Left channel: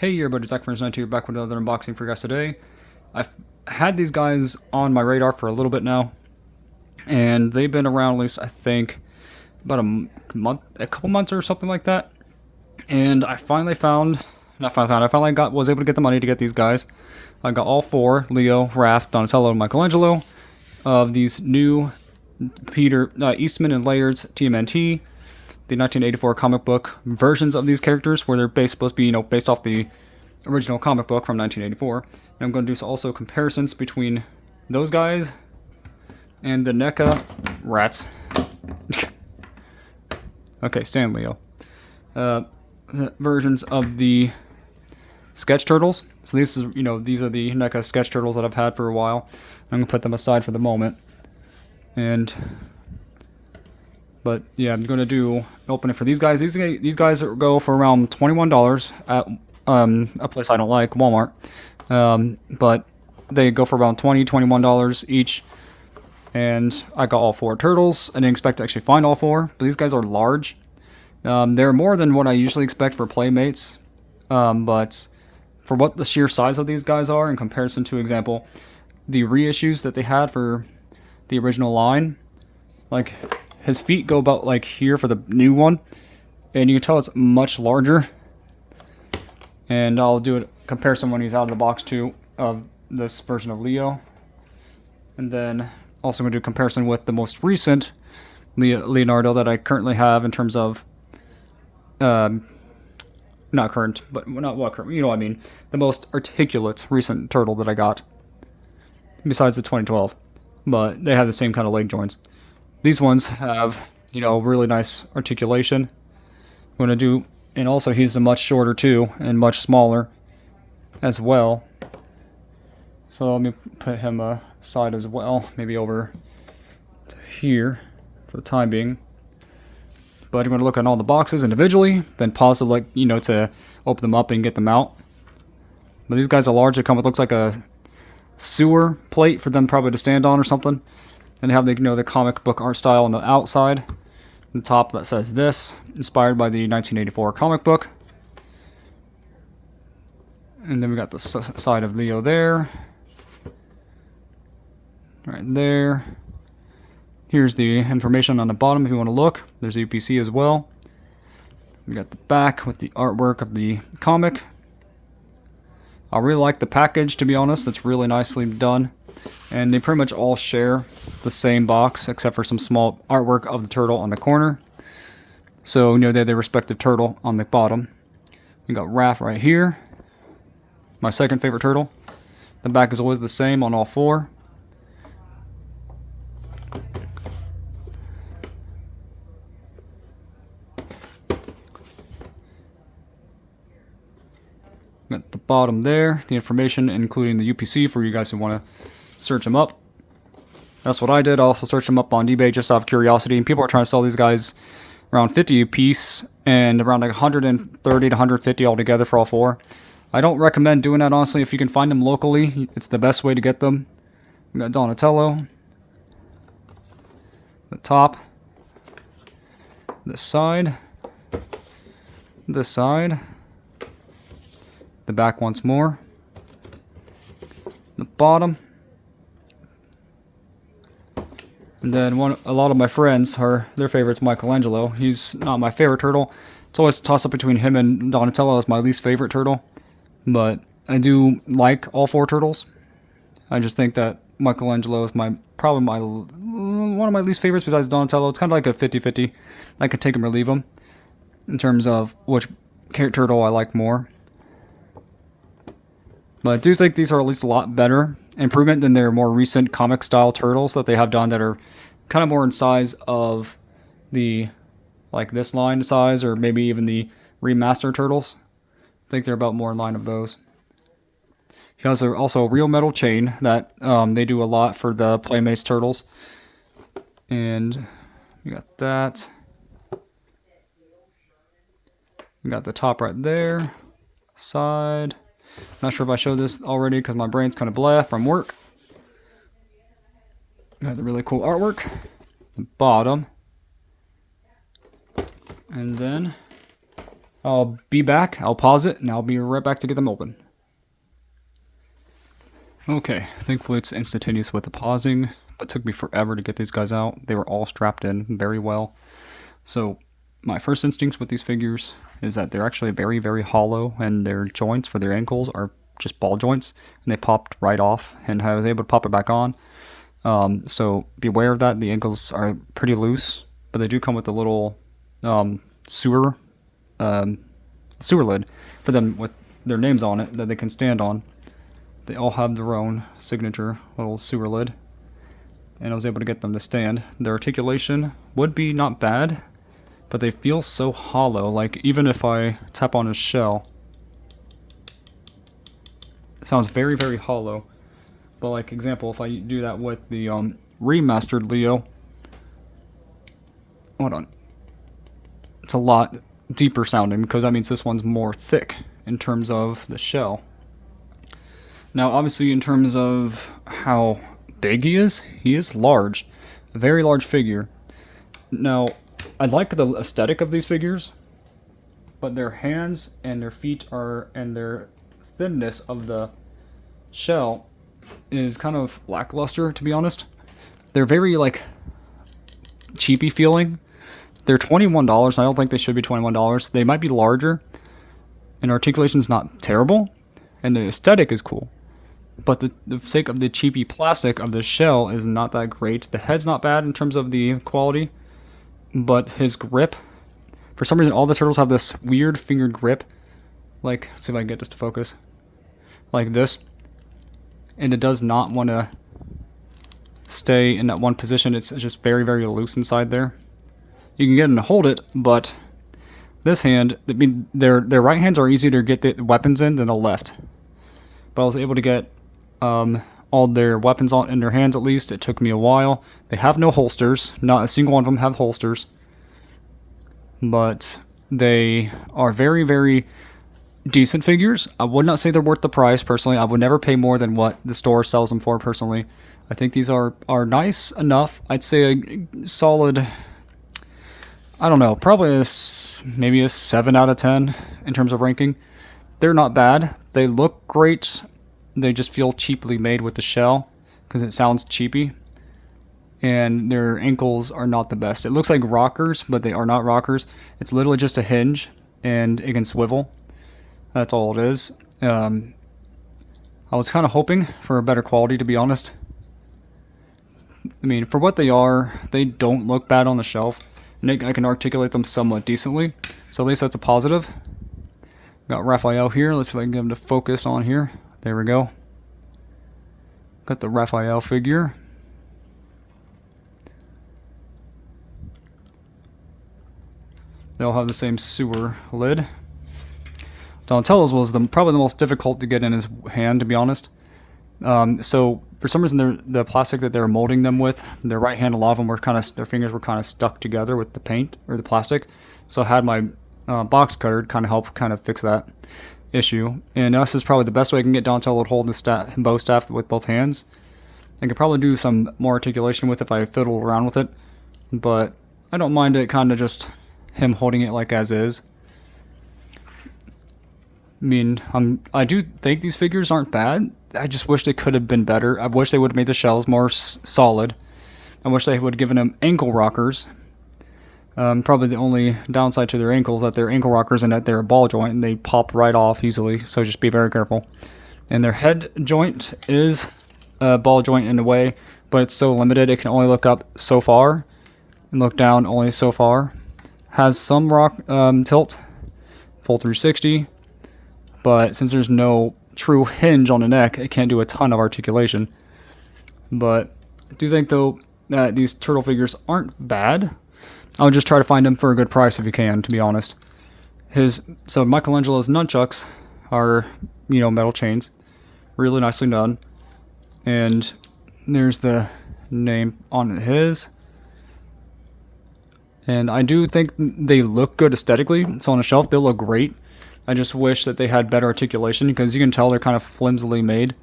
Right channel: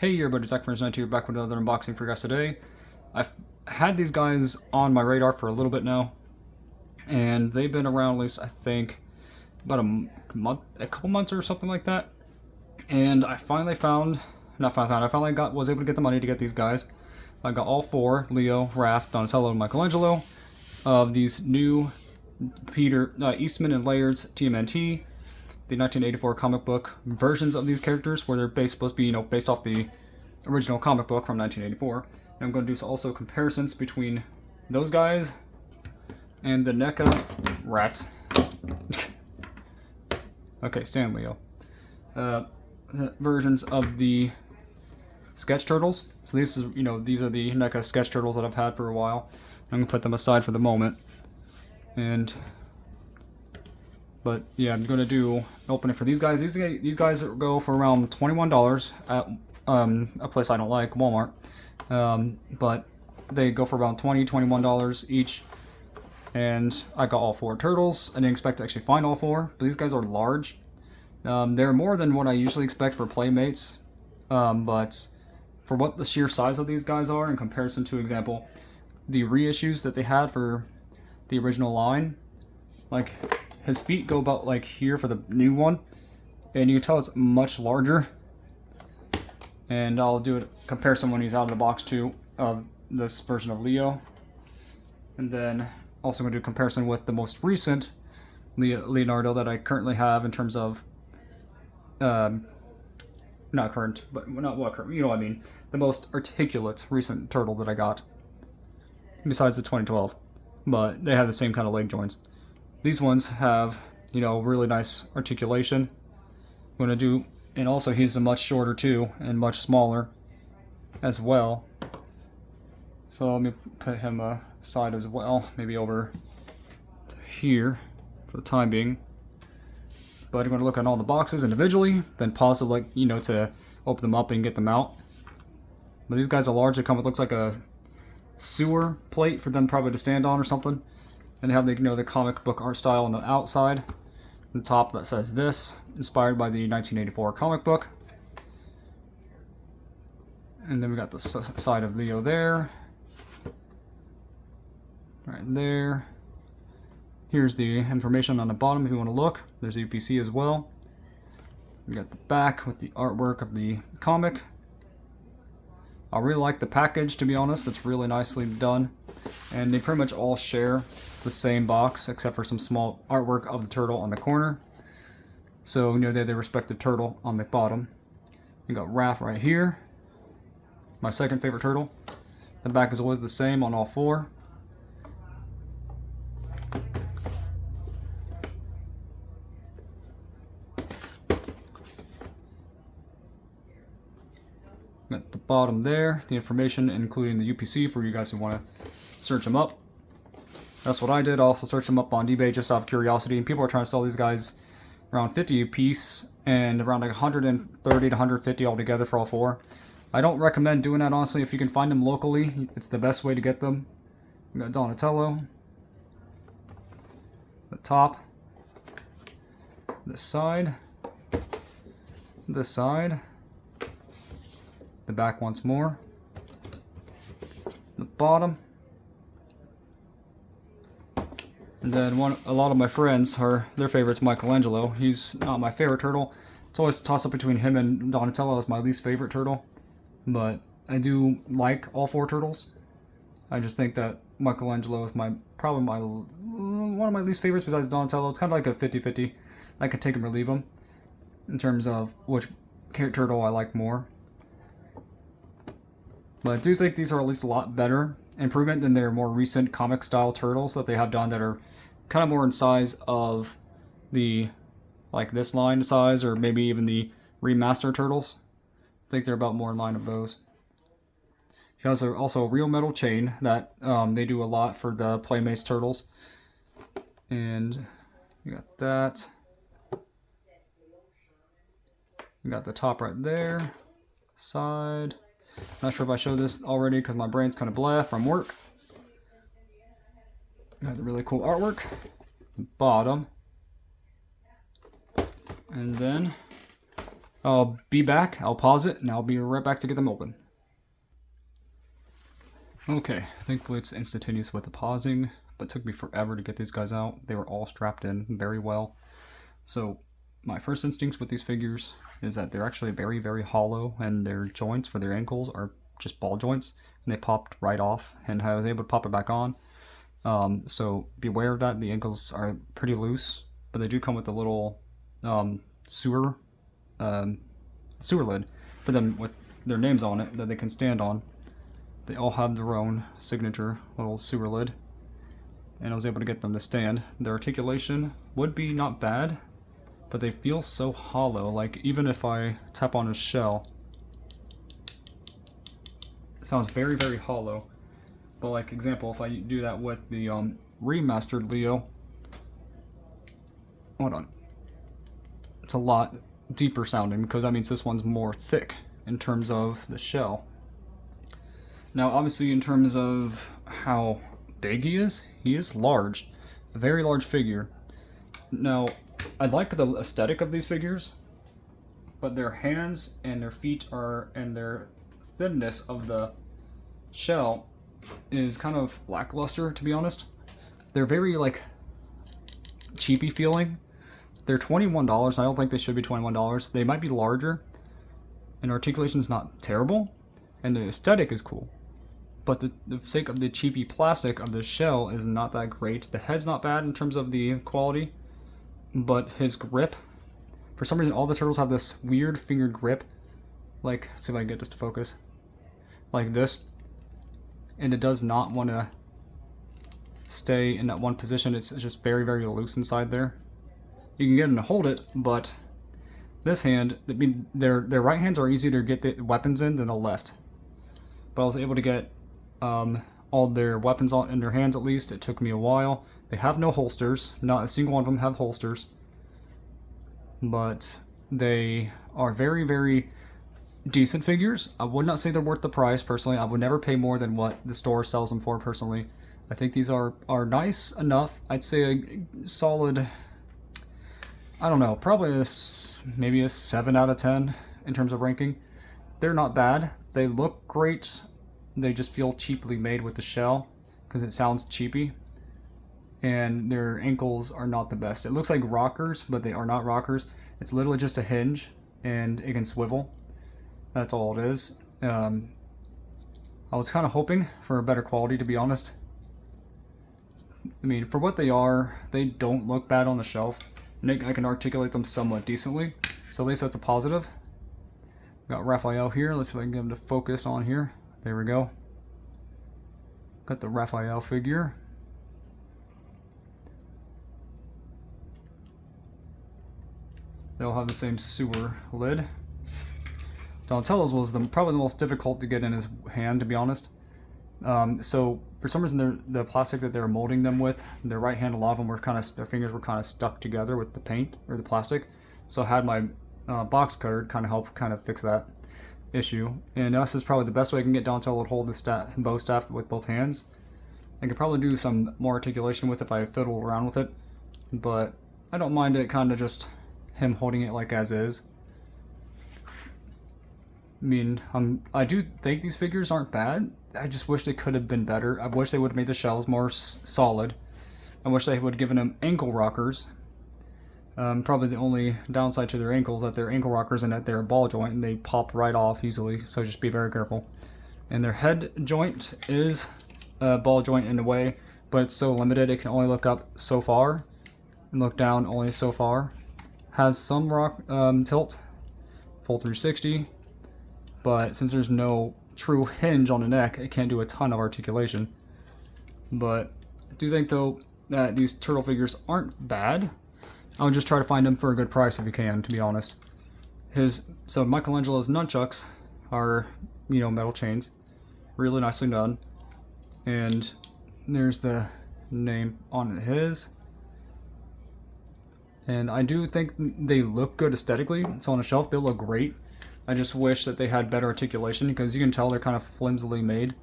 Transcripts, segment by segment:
Hey everybody, Zach from NECA here, back with another unboxing for you guys today. I've had these guys on my radar for a little bit now, and they've been around at least, I think, about a couple months or something like that. And I finally was able to get the money to get these guys. I got all four, Leo, Raph, Donatello, and Michelangelo, of these new Eastman and Laird's TMNT, the 1984 comic book versions of these characters, where they're supposed to be, based off the original comic book from 1984. And I'm going to do also comparisons between those guys and the NECA rats. Okay, Stan Leo. Versions of the sketch turtles. So these are the NECA sketch turtles that I've had for a while. I'm gonna put them aside for the moment. But yeah, I'm gonna do open it for these guys. These guys go for around $21 at a place I don't like, Walmart. But they go for around $21 each. And I got all four turtles. I didn't expect to actually find all four, but these guys are large. They're more than what I usually expect for Playmates. But for what the sheer size of these guys are in comparison to, example, the reissues that they had for the original line, like his feet go about like here for the new one, and you can tell it's much larger. And I'll do a comparison when he's out of the box too of this version of Leo, and then also going to do a comparison with the most recent Leonardo that I currently have in terms of not current, but not what current, you know what I mean, the most articulate recent turtle that I got besides the 2012, but they have the same kind of leg joints. These ones have, really nice articulation. I'm going to do, and also he's a much shorter too, and much smaller as well. So let me put him aside as well, maybe over to here for the time being. But I'm going to look at all the boxes individually, then pause to to open them up and get them out. But these guys are large. They come with, looks like a sewer plate for them probably to stand on or something. And they have the comic book art style on the outside. The top that says this, inspired by the 1984 comic book. And then we got the side of Leo there. Right there. Here's the information on the bottom if you want to look. There's the UPC as well. We got the back with the artwork of the comic. I really like the package, to be honest. It's really nicely done. And they pretty much all share the same box, except for some small artwork of the turtle on the corner. So, they have their respective turtle on the bottom. We got Raph right here. My second favorite turtle. The back is always the same on all four. At the bottom there, the information including the UPC for you guys who want to search them up. That's what I did. I also searched them up on eBay just out of curiosity, and people are trying to sell these guys around 50 a piece and around like 130 to 150 altogether for all four. I don't recommend doing that, honestly. If you can find them locally, it's the best way to get them. We got Donatello, the top, this side, the back once more, the bottom, and then a lot of my friends their favorite's Michelangelo. He's not my favorite turtle. It's always a toss up between him and Donatello as my least favorite turtle, but I do like all four turtles. I just think that Michelangelo is probably one of my least favorites besides Donatello. It's kind of like a 50-50. I could take him or leave him in terms of which turtle I like more. But I do think these are at least a lot better improvement than their more recent comic style turtles that they have done that are kind of more in size of the, like this line size, or maybe even the remaster turtles. I think they're about more in line of those. He has also a real metal chain that they do a lot for the Playmates turtles. And we got that. We got the top right there. Side. Not sure if I showed this already because my brain's kind of blah from work. Got the really cool artwork. The bottom. And then I'll be back, I'll pause it, and I'll be right back to get them open. Okay, thankfully it's instantaneous with the pausing, but it took me forever to get these guys out. They were all strapped in very well. So my first instincts with these figures is that they're actually very, very hollow, and their joints for their ankles are just ball joints, and they popped right off, and I was able to pop it back on. So beware of that. The ankles are pretty loose, but they do come with a little sewer lid for them with their names on it that they can stand on. They all have their own signature little sewer lid, and I was able to get them to stand. Their articulation would be not bad, but they feel so hollow. Like, even if I tap on his shell, it sounds very, very hollow. But like, example, if I do that with the remastered Leo, hold on, it's a lot deeper sounding because that means this one's more thick in terms of the shell. Now, obviously, in terms of how big he is large, a very large figure. Now, I like the aesthetic of these figures, but their hands and their feet and their thinness of the shell is kind of lackluster, to be honest. They're very, like, cheapy feeling. They're $21. I don't think they should be $21. They might be larger, and articulation's not terrible, and the aesthetic is cool. But the sake of the cheapy plastic of the shell is not that great. The head's not bad in terms of the quality, but his grip, for some reason all the turtles have this weird fingered grip. Like, let's see if I can get this to focus. Like this. And it does not want to stay in that one position. It's just very, very loose inside there. You can get him to hold it, but this hand, I mean, their right hands are easier to get the weapons in than the left. But I was able to get all their weapons in their hands, at least. It took me a while. They have no holsters. Not a single one of them have holsters. But they are very, very decent figures. I would not say they're worth the price, personally. I would never pay more than what the store sells them for, personally. I think these are nice enough. I'd say a solid, I don't know, probably maybe a 7 out of 10 in terms of ranking. They're not bad. They look great. They just feel cheaply made with the shell because it sounds cheapy. And their ankles are not the best. It looks like rockers, but they are not rockers. It's literally just a hinge, and it can swivel. That's all it is. I was kind of hoping for a better quality, to be honest. I mean, for what they are, they don't look bad on the shelf. And I can articulate them somewhat decently. So at least that's a positive. Got Raphael here. Let's see if I can get him to focus on here. There we go. Got the Raphael figure. They all have the same sewer lid. Donatello's was probably the most difficult to get in his hand, to be honest. So for some reason, the plastic that they were molding them with, their right hand, a lot of them were their fingers were kind of stuck together with the paint or the plastic. So I had my box cutter to kind of help fix that issue. And this is probably the best way I can get Donatello to hold the bow staff with both hands. I could probably do some more articulation with it if I fiddle around with it, but I don't mind it kind of just him holding it like as is. I mean, I do think these figures aren't bad. I just wish they could have been better. I wish they would have made the shells more solid. I wish they would have given them ankle rockers. Probably the only downside to their ankles is that they're ankle rockers and that they're a ball joint and they pop right off easily, so just be very careful. And their head joint is a ball joint in a way, but it's so limited it can only look up so far and look down only so far. Has some rock tilt, full 360, but since there's no true hinge on the neck, it can't do a ton of articulation. But I do think, though, that these turtle figures aren't bad. I'll just try to find them for a good price if you can, to be honest. So Michelangelo's nunchucks are, metal chains. Really nicely done. And there's the name on his. And I do think they look good aesthetically. So on a shelf, they'll look great. I just wish that they had better articulation because you can tell they're kind of flimsily made.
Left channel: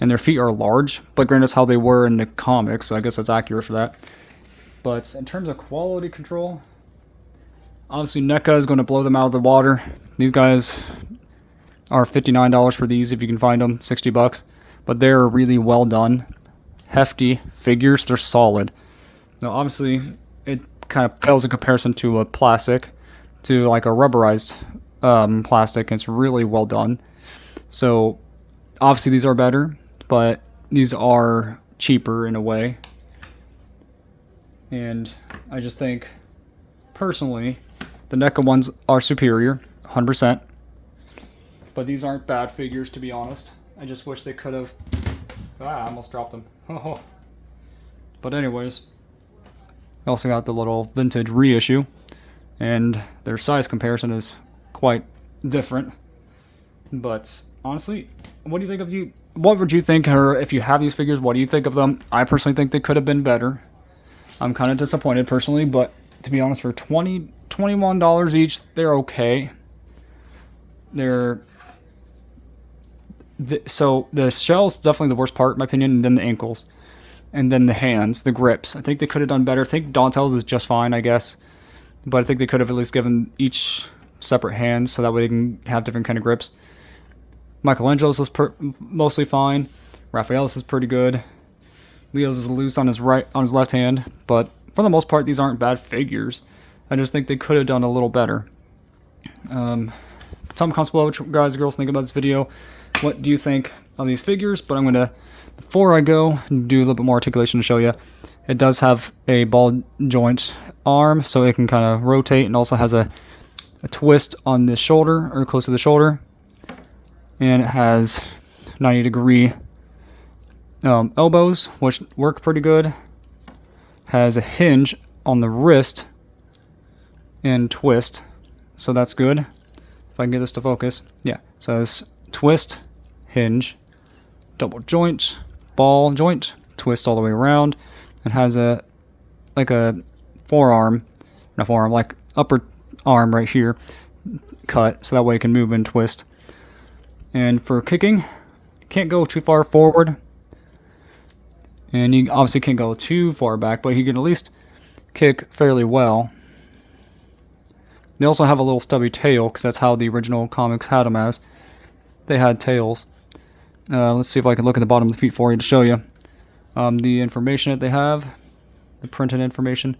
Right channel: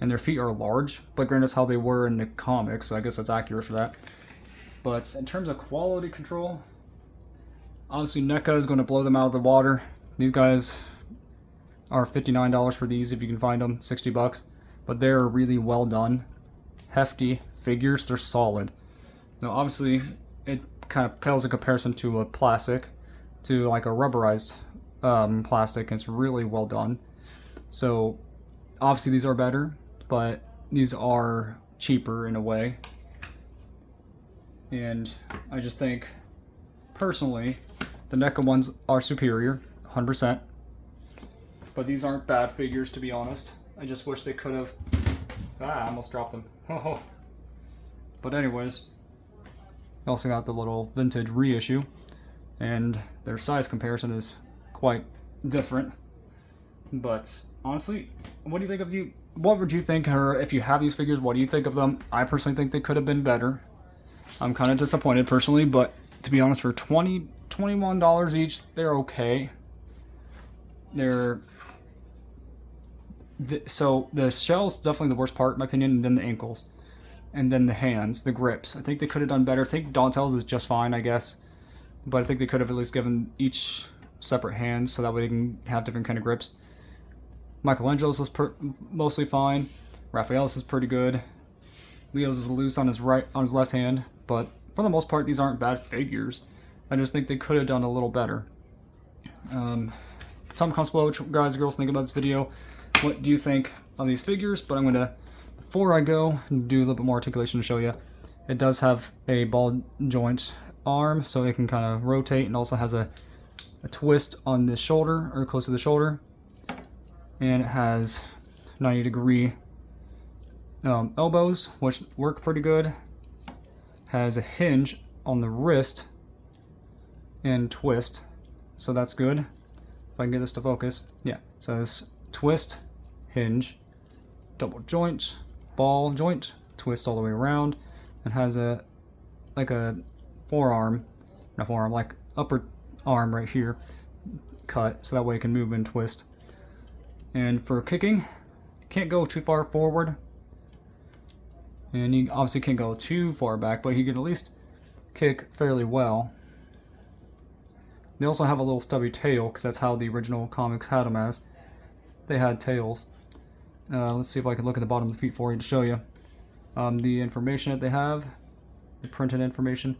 And their feet are large, but granted, that's how they were in the comics, so I guess that's accurate for that. But in terms of quality control, Obviously, NECA is going to blow them out of the water. These guys are $59 for these if you can find them, 60 bucks. But they're really well done. Hefty figures, they're solid. Now, obviously, it kind of pales in comparison to a plastic, to like a rubberized plastic, and it's really well done. So, obviously, these are better, but these are cheaper in a way. And I just think, personally, the NECA ones are superior, 100%. But these aren't bad figures, to be honest. I just wish they could have... I almost dropped them. Oh. But anyways, I also got the little vintage reissue, and their size comparison is quite different. But honestly, what do you think of you? What would you think, or if you have these figures, what do you think of them? I personally think they could have been better. I'm kind of disappointed personally, but to be honest, for $21 each, they're okay. So the shell's definitely the worst part, in my opinion, and then the ankles. And then the hands, the grips. I think they could have done better. I think Donatel's is just fine, I guess. But I think they could have at least given each separate hands so that way they can have different kind of grips. Michelangelo's was mostly fine. Raphael's is pretty good. Leo's is loose on his left hand. But for the most part, these aren't bad figures. I just think they could have done a little better. Tell me comments below what you guys and girls think about this video. What do you think of these figures? But I'm going to, before I go, do a little bit more articulation to show you. It does have a ball joint arm, so it can kind of rotate, and also has a twist on the shoulder, or close to the shoulder. And it has 90-degree elbows, which work pretty good. Has a hinge on the wrist and twist, so that's good. If I can get this to focus. Yeah, so it's twist, hinge, double joint, ball joint, twist all the way around, and has a forearm, not forearm, like upper arm right here, cut, so that way it can move and twist. And for kicking, can't go too far forward, and you obviously can't go too far back, but you can at least kick fairly well. They also have a little stubby tail, because that's how the original comics had them as. They had tails. Let's see if I can look at the bottom of the feet for you to show you the information that they have, the printed information.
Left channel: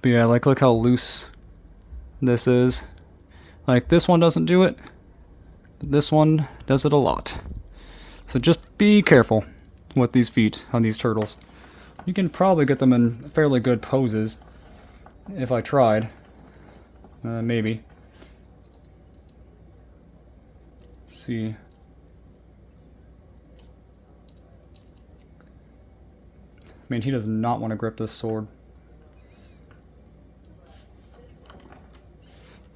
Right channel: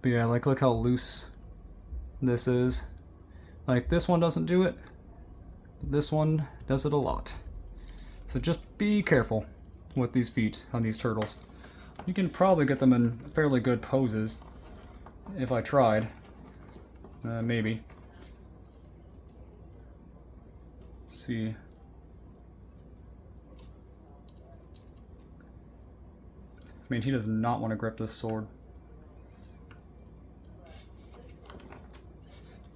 But yeah, like look how loose this is. Like this one doesn't do it, but this one does it a lot. So just be careful with these feet on these turtles. You can probably get them in fairly good poses if I tried. Maybe. Let's see. I mean, he does not want to grip this sword.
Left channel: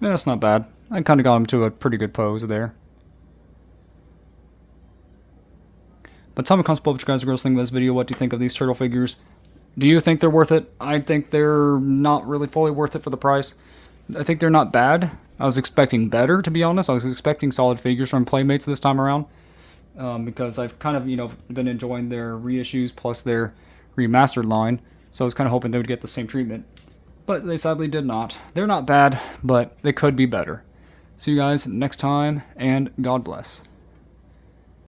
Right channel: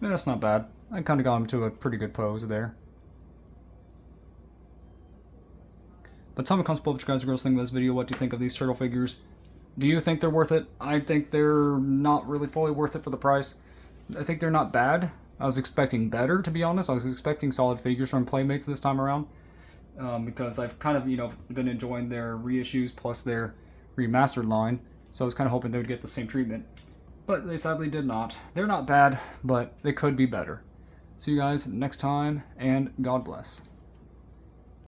Yeah, that's not bad. I kind of got him to a pretty good pose there. But tell me in the comments below what you guys are going to think of this video. What do you think of these turtle figures? Do you think they're worth it? I think they're not really fully worth it for the price. I think they're not bad. I was expecting better, to be honest. I was expecting solid figures from Playmates this time around. Because I've kind of, been enjoying their reissues plus their remastered line. So I was kind of hoping they would get the same treatment. But they sadly did not. They're not bad, but they could be better. See you guys next time, and God bless.